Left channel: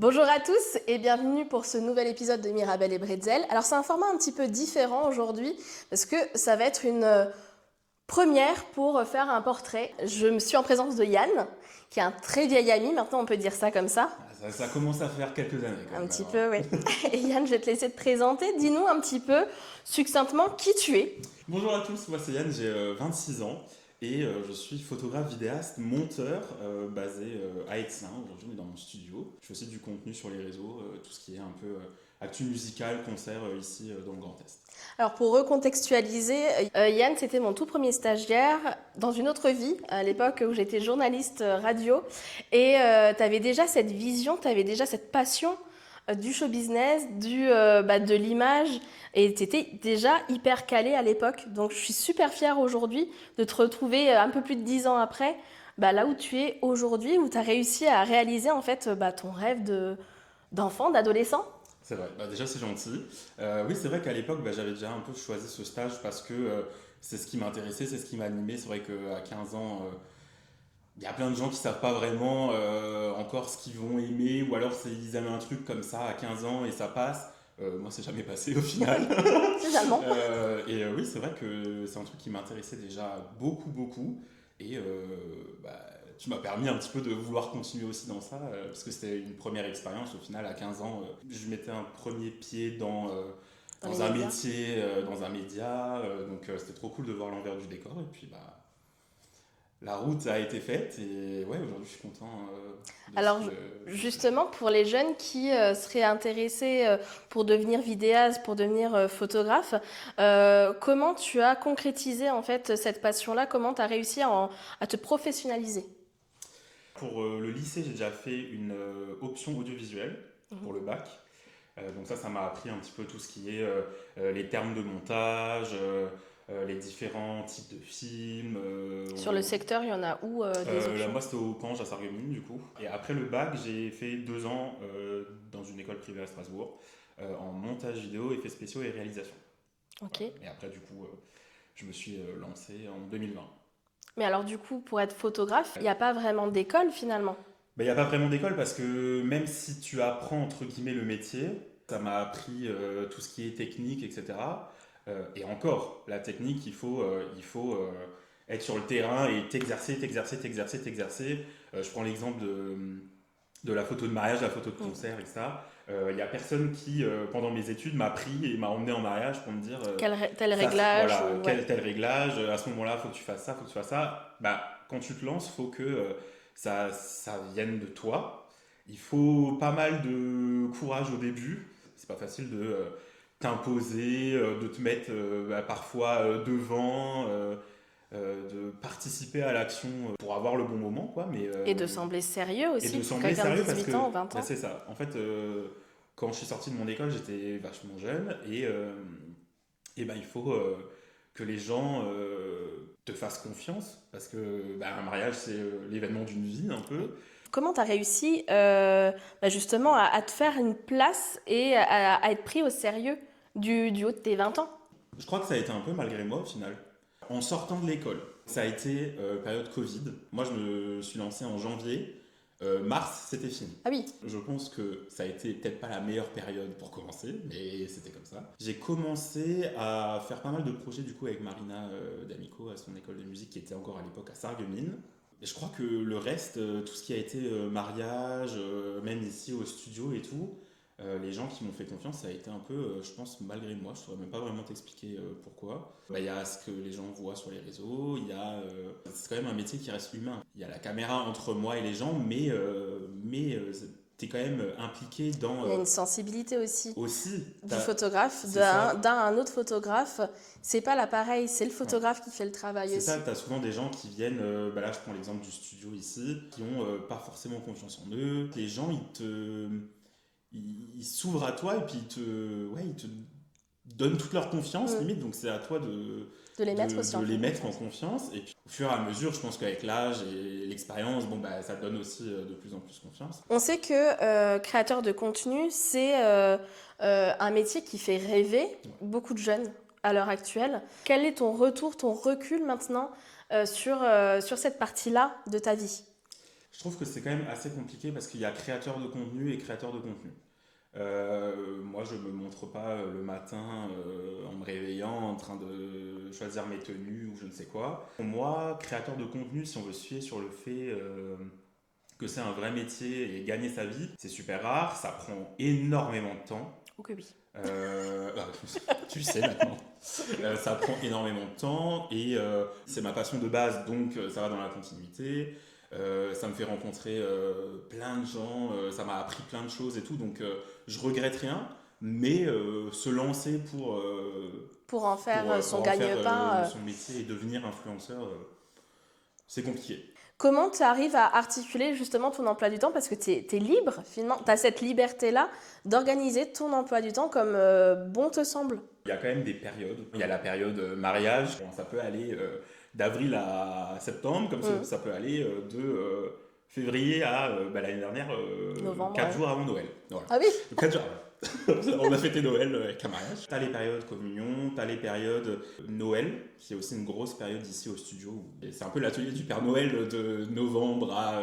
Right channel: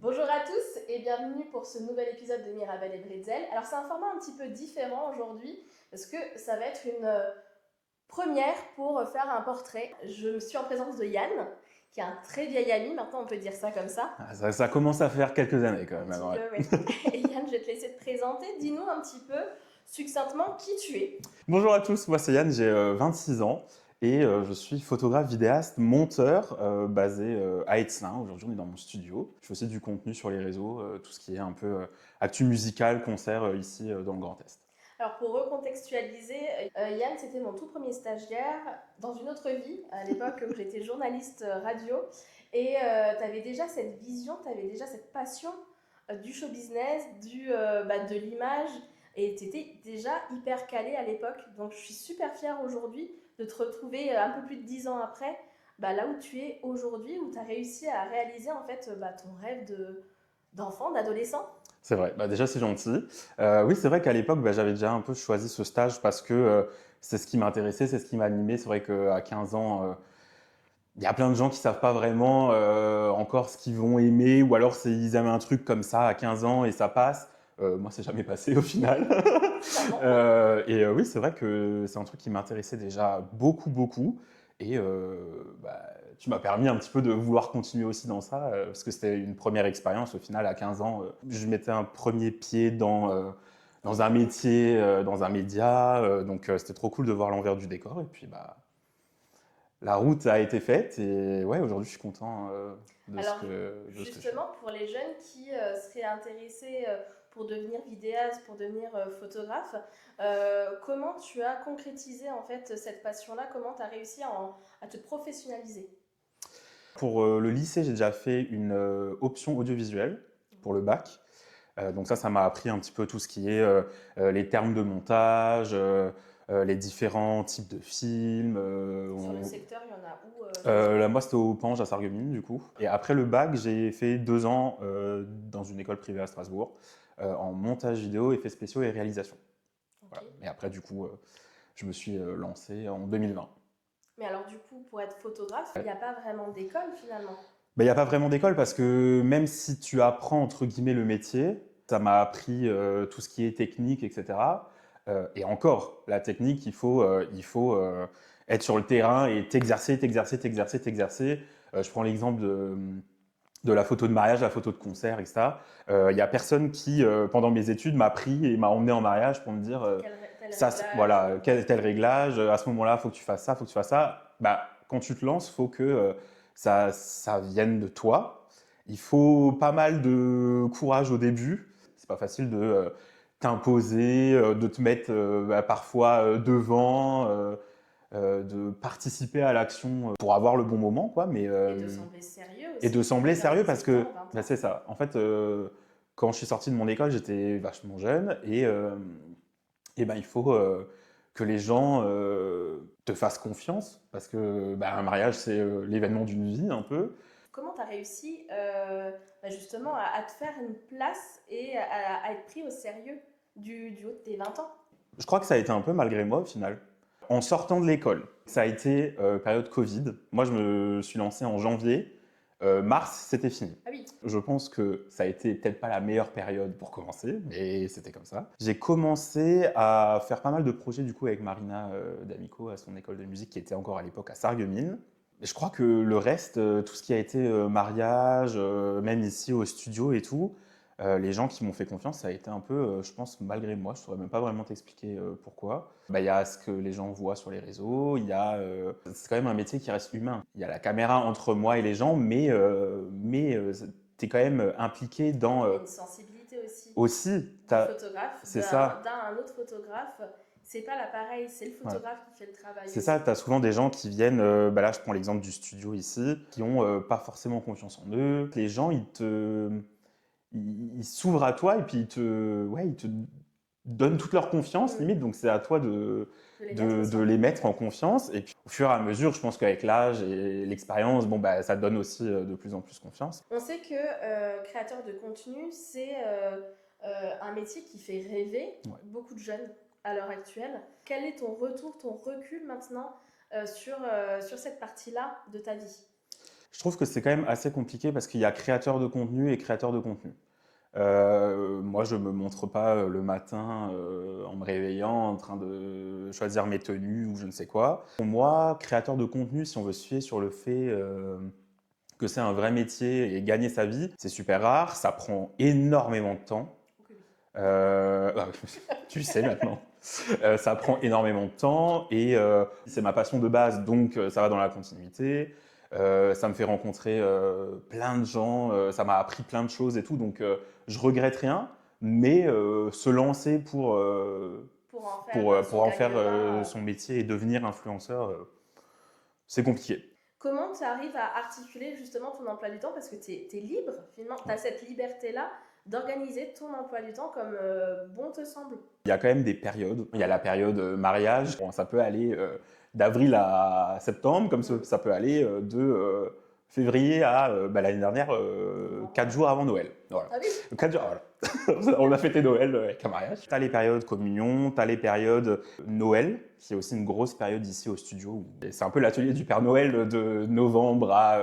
Bonjour à tous et bienvenue pour ce nouvel épisode de Mirabelle et Bretzel. Alors c'est un format un petit peu différent aujourd'hui parce que ça va être une première pour faire un portrait. Je me suis en présence de Yann, qui est un très vieil ami, maintenant on peut dire ça comme ça. Ça commence à faire quelques années quand Un même. petit Ouais. peu, oui. Et Yann, je vais te laisser te présenter. Dis-nous un petit peu succinctement qui tu es. Bonjour à tous, moi c'est Yann, j'ai 26 ans et je suis photographe, vidéaste, monteur basé à Aix-Lin. Aujourd'hui on est dans mon studio. Je fais aussi du contenu sur les réseaux, tout ce qui est un peu actu musical, concert ici dans le Grand Est. Alors pour recontextualiser, Yann c'était mon tout premier stagiaire dans une autre vie, à l'époque où j'étais journaliste radio. Et tu avais déjà cette vision, tu avais déjà cette passion du show business, de l'image. Et tu étais déjà hyper calé à l'époque. Donc je suis super fière aujourd'hui de te retrouver un peu plus de 10 ans après, là où tu es aujourd'hui, où tu as réussi à réaliser en fait ton rêve d'enfant, d'adolescent. C'est vrai, déjà c'est gentil. Oui, c'est vrai qu'à l'époque j'avais déjà un peu choisi ce stage parce que c'est ce qui m'intéressait, c'est ce qui m'animait. C'est vrai qu'à 15 ans, il y a plein de gens qui savent pas vraiment encore ce qu'ils vont aimer, ou alors ils aiment un truc comme ça à 15 ans et ça passe. Moi, c'est jamais passé au final. Finalement. Oui, c'est vrai que c'est un truc qui m'intéressait déjà beaucoup, beaucoup. Et tu m'as permis un petit peu de vouloir continuer aussi dans ça, parce que c'était une première expérience. Au final, à 15 ans, je mettais un premier pied dans un métier, dans un média. Donc, c'était trop cool de voir l'envers du décor. Et puis, la route a été faite et ouais, aujourd'hui je suis content de Alors ce que justement, pour les jeunes qui seraient intéressés pour devenir vidéaste, pour devenir photographe, comment tu as concrétisé en fait cette passion-là? Comment tu as réussi à te professionnaliser? Pour le lycée, j'ai déjà fait une option audiovisuelle pour le bac. Donc ça m'a appris un petit peu tout ce qui est les termes de montage, les différents types de films. Sur le secteur, il y en a où des options? Moi, c'était au Pange à Sarreguemines, du coup. Et après le bac, j'ai fait 2 ans dans une école privée à Strasbourg en montage vidéo, effets spéciaux et réalisation. Ok. Voilà. Et après, du coup, je me suis lancé en 2020. Mais alors du coup, pour être photographe, il n'y a pas vraiment d'école finalement. Il n'y a pas vraiment d'école parce que même si tu apprends entre guillemets le métier, ça m'a appris tout ce qui est technique, etc. Et encore, la technique, il faut être sur le terrain et t'exercer, t'exercer, t'exercer, t'exercer. Je prends l'exemple de la photo de mariage, la photo de concert, etc. Il n'y a personne qui, pendant mes études, m'a pris et m'a emmené en mariage pour me dire Tel ça, réglage voilà, ou- quel ouais. tel réglage, à ce moment-là, il faut que tu fasses ça, il faut que tu fasses ça. Quand tu te lances, il faut que ça vienne de toi. Il faut pas mal de courage au début. C'est pas facile de t'imposer, de te mettre parfois devant, de participer à l'action pour avoir le bon moment, quoi. Et de sembler sérieux Et aussi de pour sembler quelqu'un de sérieux parce 18 ans que ou 20 ans. c'est ça. En fait, quand je suis sorti de mon école, j'étais vachement jeune et il faut que les gens te fassent confiance parce que un mariage, c'est l'événement d'une vie un peu. Comment tu as réussi justement à te faire une place et à être pris au sérieux du haut de tes 20 ans? Je crois que ça a été un peu malgré moi au final. En sortant de l'école, ça a été période Covid. Moi, je me suis lancé en janvier. Mars, c'était fini. Ah oui. Je pense que ça a été peut-être pas la meilleure période pour commencer, mais c'était comme ça. J'ai commencé à faire pas mal de projets du coup avec Marina D'Amico à son école de musique qui était encore à l'époque à Sarreguemines. Et je crois que le reste, tout ce qui a été mariage, même ici au studio et tout, les gens qui m'ont fait confiance, ça a été un peu, je pense, malgré moi. Je ne saurais même pas vraiment t'expliquer pourquoi. Il y a ce que les gens voient sur les réseaux, c'est quand même un métier qui reste humain. Il y a la caméra entre moi et les gens, mais tu es quand même impliqué dans... Il y a une sensibilité aussi aussi, du photographe, c'est ça. d'un à un autre photographe. C'est pas l'appareil, c'est le Ouais. photographe qui fait le travail C'est aussi. ça, tu as souvent des gens qui viennent, là je prends l'exemple du studio ici, qui ont pas forcément confiance en eux. Les gens, ils s'ouvrent à toi et puis ils te donnent toute leur confiance limite, donc c'est à toi De les mettre aussi de les mettre en confiance. Et puis au fur et à mesure, je pense qu'avec l'âge et l'expérience, ça te donne aussi de plus en plus confiance. On sait que créateur de contenu, c'est un métier qui fait rêver beaucoup de jeunes à l'heure actuelle. Quel est ton retour, ton recul maintenant sur cette partie-là de ta vie? Je trouve que c'est quand même assez compliqué parce qu'il y a créateur de contenu et créateur de contenu. Moi, je me montre pas le matin en me réveillant en train de choisir mes tenues ou je ne sais quoi. Pour moi, créateur de contenu, si on veut se fier sur le fait que c'est un vrai métier et gagner sa vie, c'est super rare, ça prend énormément de temps. Ok, oui. Euh, Tu le sais maintenant. Ça prend énormément de temps et c'est ma passion de base, donc ça va dans la continuité. Ça me fait rencontrer plein de gens, ça m'a appris plein de choses et tout, donc je regrette rien, mais se lancer Pour en faire pour son en faire gagne-pain. son métier et devenir influenceur, c'est compliqué. Comment tu arrives à articuler justement ton emploi du temps? Parce que tu es libre, finalement. Tu as cette liberté-là d'organiser ton emploi du temps comme bon te semble. Il y a quand même des périodes. Il y a la période mariage. Bon, ça peut aller d'avril à septembre, comme Mhm. ça peut aller de février à l'année dernière, Novembre, 4 ouais. jours avant Noël. Voilà. Ah oui, 4 jours, voilà. On a fêté Noël avec un mariage. Tu as les périodes communion, tu as les périodes Noël, qui est aussi une grosse période ici au studio. Et c'est un peu l'atelier du Père Noël de novembre à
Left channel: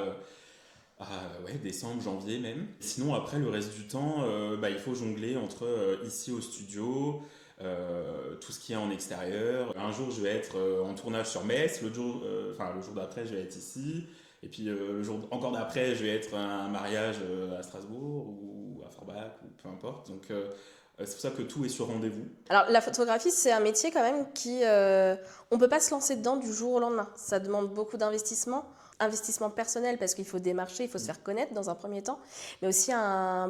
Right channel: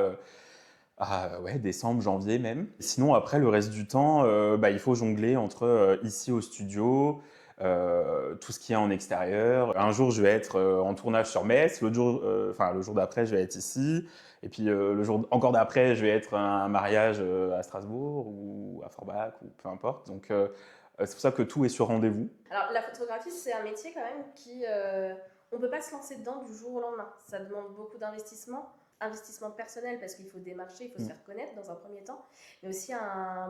ouais, décembre, janvier même. Sinon, après, le reste du temps, il faut jongler entre ici au studio, tout ce qui est en extérieur. Un jour, je vais être en tournage sur Metz, le jour d'après, je vais être ici. Et puis le jour encore d'après, je vais être à un mariage à Strasbourg ou à Forbach ou peu importe. Donc c'est pour ça que tout est sur rendez-vous. alors la photographie, c'est un métier quand même qui... on peut pas se lancer dedans du jour au lendemain. Ça demande beaucoup d'investissement. Investissement personnel parce qu'il faut démarcher, il faut se faire connaître dans un premier temps, mais aussi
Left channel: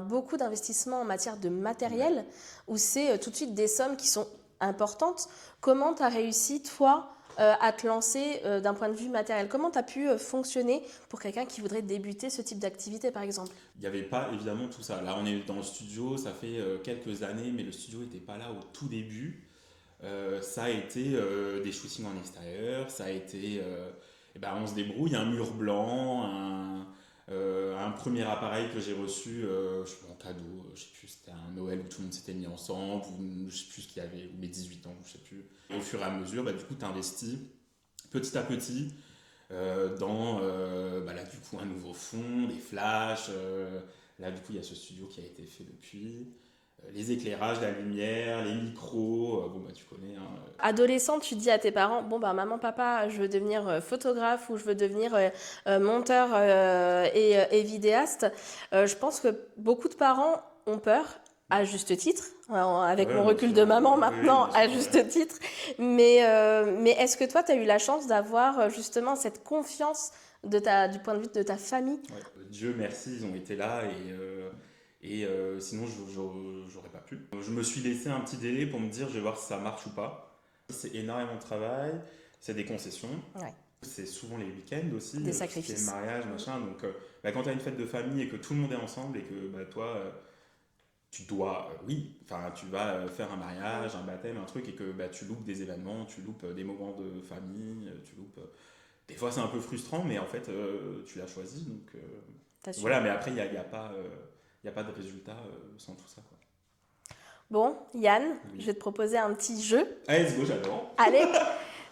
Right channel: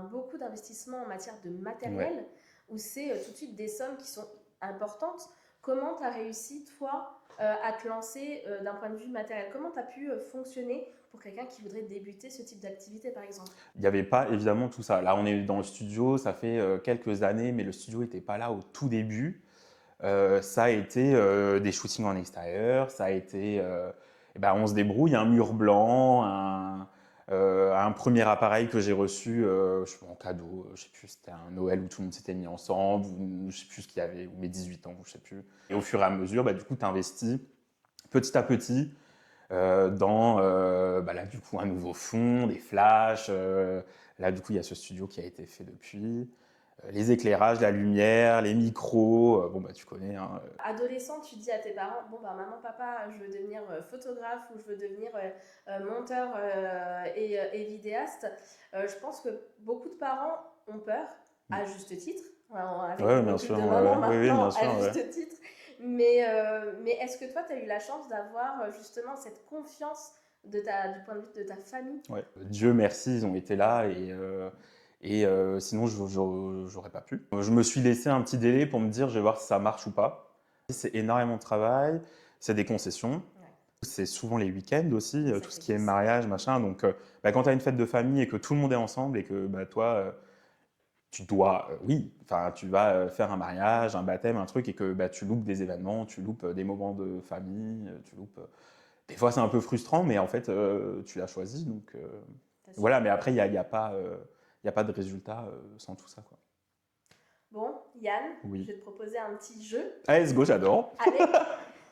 beaucoup d'investissement en matière de matériel, où c'est tout de suite des sommes qui sont importantes. Comment tu as réussi, toi, à te lancer d'un point de vue matériel? Comment tu as pu fonctionner pour quelqu'un qui voudrait débuter ce type d'activité, par exemple? Il n'y avait pas évidemment tout ça. Là, on est dans le studio, ça fait quelques années, mais le studio n'était pas là au tout début. Ça a été des shootings en extérieur, ça a été on se débrouille, un mur blanc, un premier appareil que j'ai reçu en cadeau, je sais plus, c'était un Noël où tout le monde s'était mis ensemble, ou je sais plus ce qu'il y avait, ou mes 18 ans, je sais plus. Et au fur et à mesure, du coup, tu investis petit à petit dans là, du coup, un nouveau fond, des flashs. Là, du coup, il y a ce studio qui a été fait depuis. Les éclairages, la lumière, les micros, tu connais. Hein. Adolescente, tu dis à tes parents, bon maman, papa, je veux devenir photographe ou je veux devenir monteur et vidéaste. Je pense que beaucoup de parents ont peur, à juste titre, avec mon bien recul sûr, de maman oui, maintenant, bien sûr, à juste titre. Mais est-ce que toi, tu as eu la chance d'avoir justement cette confiance du point de vue de ta famille? Ouais. Dieu merci, ils ont été là et sinon j'aurais pas pu. Je me suis laissé un petit délai pour me dire je vais voir si ça marche ou pas. C'est énormément de travail, c'est des concessions. Ouais. C'est souvent les week-ends aussi, Des tout ce qui est sacrifices. mariage, machin. Donc quand tu as une fête de famille et que tout le monde est ensemble et que toi, tu dois, tu vas faire un mariage, un baptême, un truc et que tu loupes des événements, tu loupes des moments de famille, tu loupes... Des fois c'est un peu frustrant, mais en fait tu l'as choisi. Donc voilà, mais après il n'y a pas de résultat sans tout ça. Quoi. Bon, Yann, Oui. je vais te proposer un petit jeu. Allez, let's go, j'adore. Allez,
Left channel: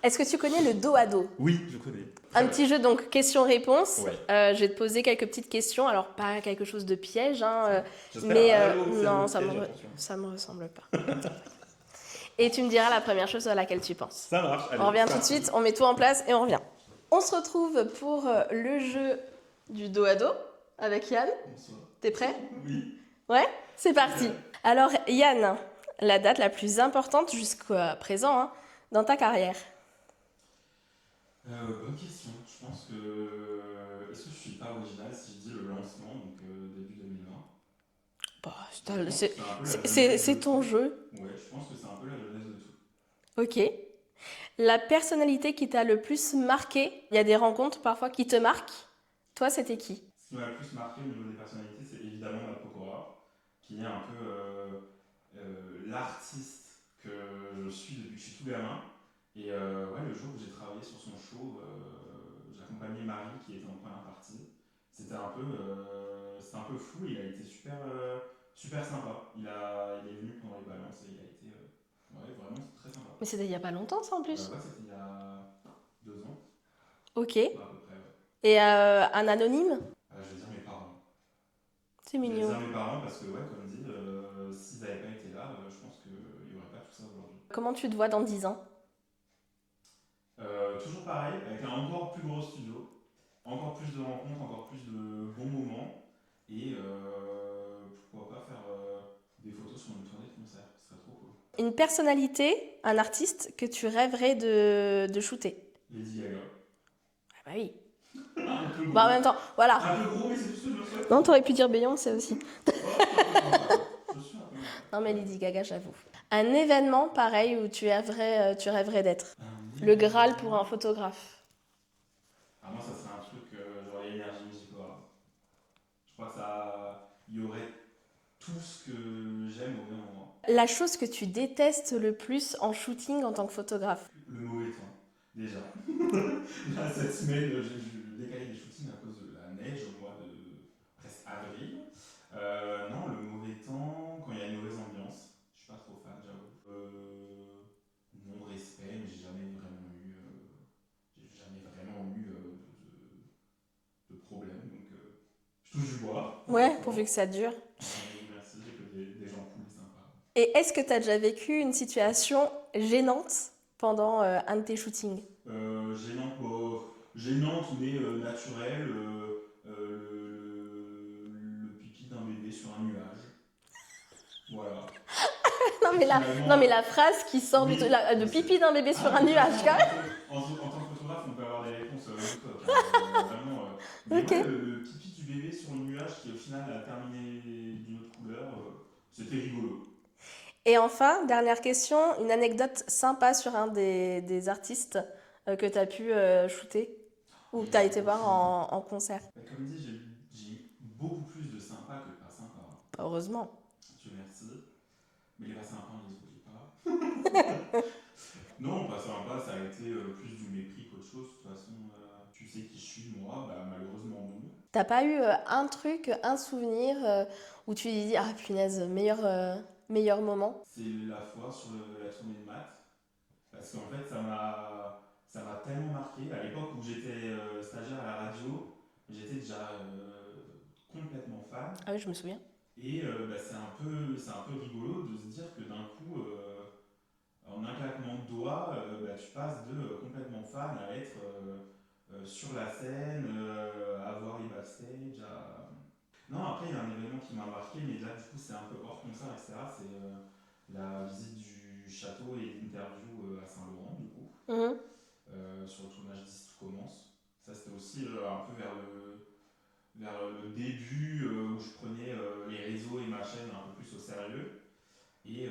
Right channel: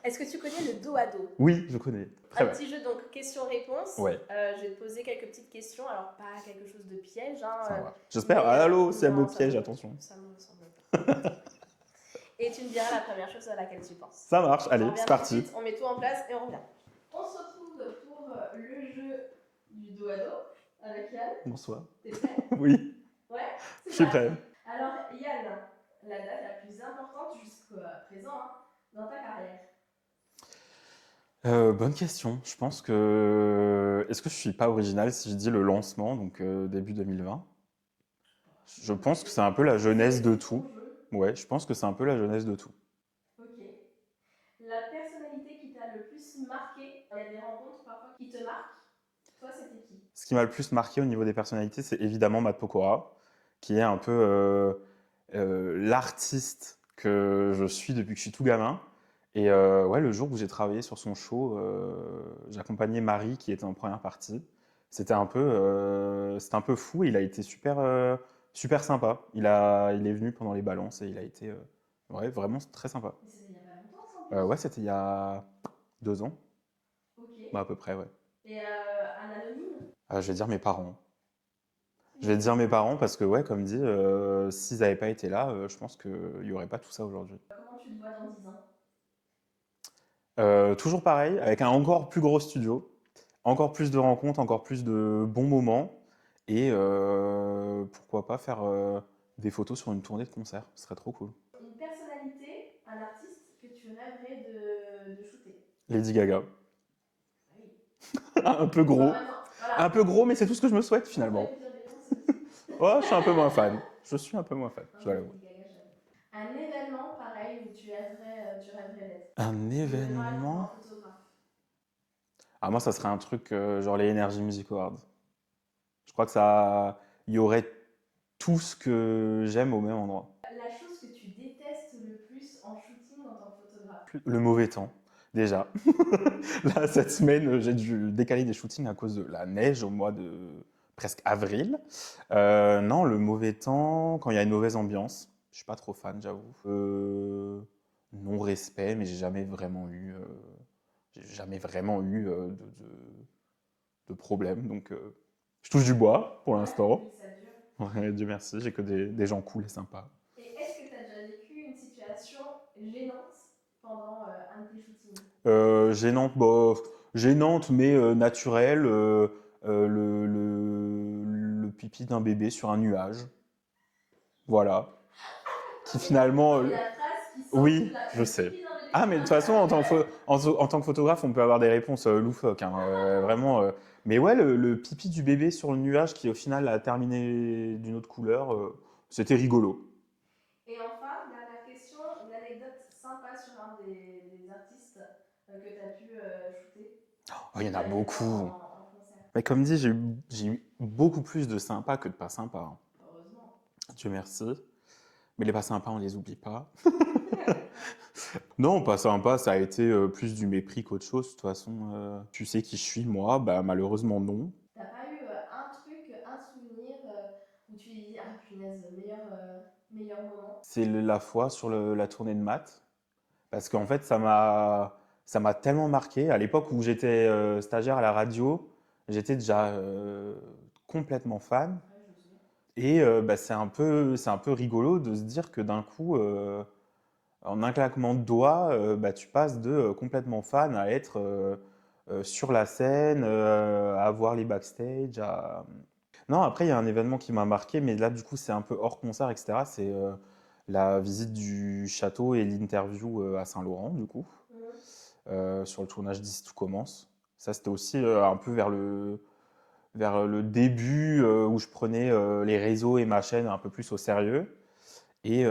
est-ce que tu connais le dos à dos? Oui, je connais. Un petit jeu, donc question-réponse. Ouais. Je vais te poser quelques petites questions. Alors, pas quelque chose de piège. Hein, j'espère. mais, Allô, c'est un non, mot piège, attention. Ça me ressemble pas. Et tu me diras la première chose à laquelle tu penses. Ça marche, allez, on revient tout de parti. suite, on met tout en place et on revient. On se retrouve pour le jeu du dos à dos avec Yann. Bonsoir. T'es prêt? Oui. Ouais, c'est Je suis parti. prêt. Alors, Yann, la date la plus importante jusqu'à présent dans ta carrière? Bonne question. Je pense que... Est-ce que je suis pas original si je dis le lancement, donc début 2020? Je pense que c'est un peu la jeunesse de tout. C'est ton jeu. Ouais, je pense que c'est un peu la jeunesse de tout. Ok. La personnalité qui t'a le plus marqué, il y a des rencontres parfois qui te marquent. Toi, c'était qui? Ce qui m'a le plus marqué au niveau des personnalités, c'est évidemment Matt Pokora, qui est un peu l'artiste que je suis depuis que je suis tout gamin. Et le jour où j'ai travaillé sur son show, j'accompagnais Marie qui était en première partie. C'était un peu fou. Il a été super sympa. Il est venu pendant les balances et il a été vraiment très sympa. Mais c'était il n'y a pas longtemps, ça, en plus? Ouais, c'était il y a 2 ans. Ok. À peu près, ouais. Et un anonyme? Je vais dire mes parents. C'est Je vais dire mignon. mes parents parce que, ouais, comme dit, s'ils n'avaient pas été là, je pense qu'il n'y aurait pas tout ça aujourd'hui. Comment tu te vois dans 10 ans? Toujours pareil, avec un encore plus gros studio, encore plus de rencontres, encore plus de bons moments, et pourquoi pas faire des photos sur une tournée de concert, ce serait trop cool. Une personnalité, un artiste que tu rêverais de shooter? Lady Gaga. Ah bah oui. Un peu gros. Bah en même temps, voilà. Un peu gros, mais c'est tout ce que je me souhaite. Non, t'aurais Finalement. pu dire Beyoncé aussi. Ouais, je suis un peu moins fan. Je suis un peu moins fan. Non, mais Ouais. Lady Gaga, j'avoue. Un événement pareil où tu rêverais d'être? Un Le Graal pour événement. un photographe. Ah, moi, ça serait un truc genre les Energy Music Awards. Je crois que ça. Il y aurait tout ce que j'aime au même endroit. La chose que tu détestes le plus en shooting en tant que photographe? Le mauvais temps, déjà. Là, cette semaine, j'ai dû décaler des shootings à cause de la neige au mois de presque avril. Non, le mauvais temps, quand il y a une mauvaise ambiance. Je suis pas trop fan, j'avoue. Non-respect, mais j'ai jamais vraiment eu de problème. Donc, je touche du bois pour Ouais, l'instant. pourvu que ça dure. Ouais, Dieu merci, j'ai que des gens cool et sympas. Et est-ce que tu as déjà vécu une situation gênante pendant un de tes shootings? Gênante, bah, gênante mais naturelle. Le pipi d'un bébé sur un nuage. Voilà. Non, C'est mais finalement, non, mais la phrase qui sort oui, le je sais. pipi d'un bébé Ah, sur mais un de toute façon, nuage. en tant que photographe, on peut avoir des réponses loufoques. Hein, vraiment. Mais Ok. ouais, le pipi du bébé sur le nuage qui, au final, a terminé d'une autre couleur, c'était rigolo. Et enfin, dernière question, une anecdote sympa sur un des artistes que tu as pu shooter Oh, ou il que y tu en as a été voir beaucoup. en concert. Mais comme dit, j'ai eu beaucoup plus de sympas que de pas sympas. Hein. Heureusement. Dieu merci. Mais les pas sympas, on les oublie pas. Non, pas sympa, ça a été plus du mépris qu'autre chose. De toute façon, tu sais qui je suis, moi, bah malheureusement non. T'as pas eu un truc, un souvenir où tu dis ah punaise, meilleur moment? C'est la fois sur la tournée de maths, parce qu'en fait, ça m'a tellement marqué. À l'époque où j'étais stagiaire à la radio, j'étais déjà complètement fan. Ah oui, je me souviens. Et bah, c'est un peu rigolo de se dire que d'un coup, en un claquement de doigts, bah, tu passes de complètement fan à être sur la scène, à voir les backstage. Non, après, il y a un événement qui m'a marqué, mais là, du coup, c'est un peu hors concert, etc. C'est la visite du château et l'interview à Saint-Laurent, du coup, Mhm. sur le tournage d'Ici tout commence. Ça, c'était aussi un peu vers le début où je prenais les réseaux et ma chaîne un peu plus au sérieux. Et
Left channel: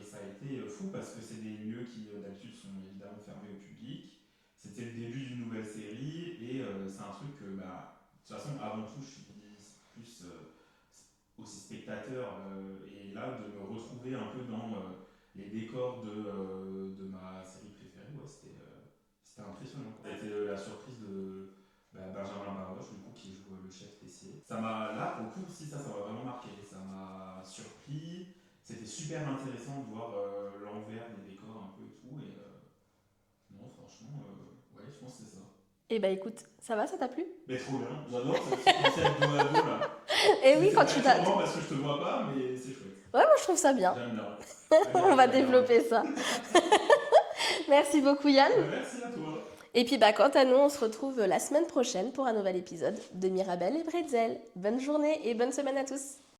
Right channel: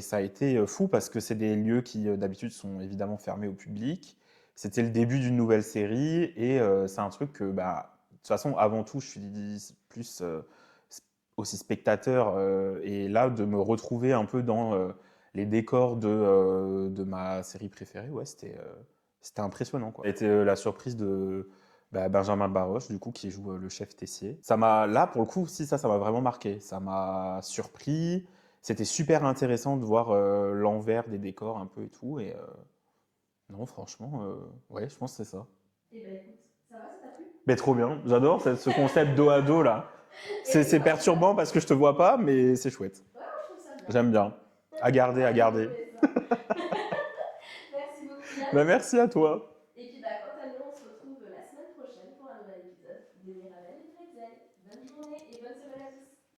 ça a été fou parce que c'est des lieux qui d'habitude sont évidemment fermés au public. C'était le début d'une nouvelle série et c'est un truc que, bah, de toute façon, avant tout, je suis plus aussi spectateur. Et là, de me retrouver un peu dans les décors de ma série préférée, ouais, c'était impressionnant, quoi. C'était la surprise de Benjamin Baroche, du coup, qui joue le chef Tessier. Là, pour le coup, si ça m'a vraiment marqué. Ça m'a surpris. C'était super intéressant de voir l'envers des décors un peu et tout. Et non, franchement, ouais, je pense que c'est ça. Eh ben écoute, ça va, ça t'a plu? Mais trop bien, j'adore ce concept dos à dos là. Eh oui, C'est quand tu perturbant parce que je te vois pas, mais c'est chouette. Ouais, moi je trouve ça bien. J'aime bien. À On garder, va à garder. développer ça. Merci beaucoup Yann. Bah, merci à toi. Et puis bah quant à nous, on se retrouve la semaine prochaine pour un nouvel épisode de Mirabelle et Bretzel. Bonne journée et bonne semaine à tous.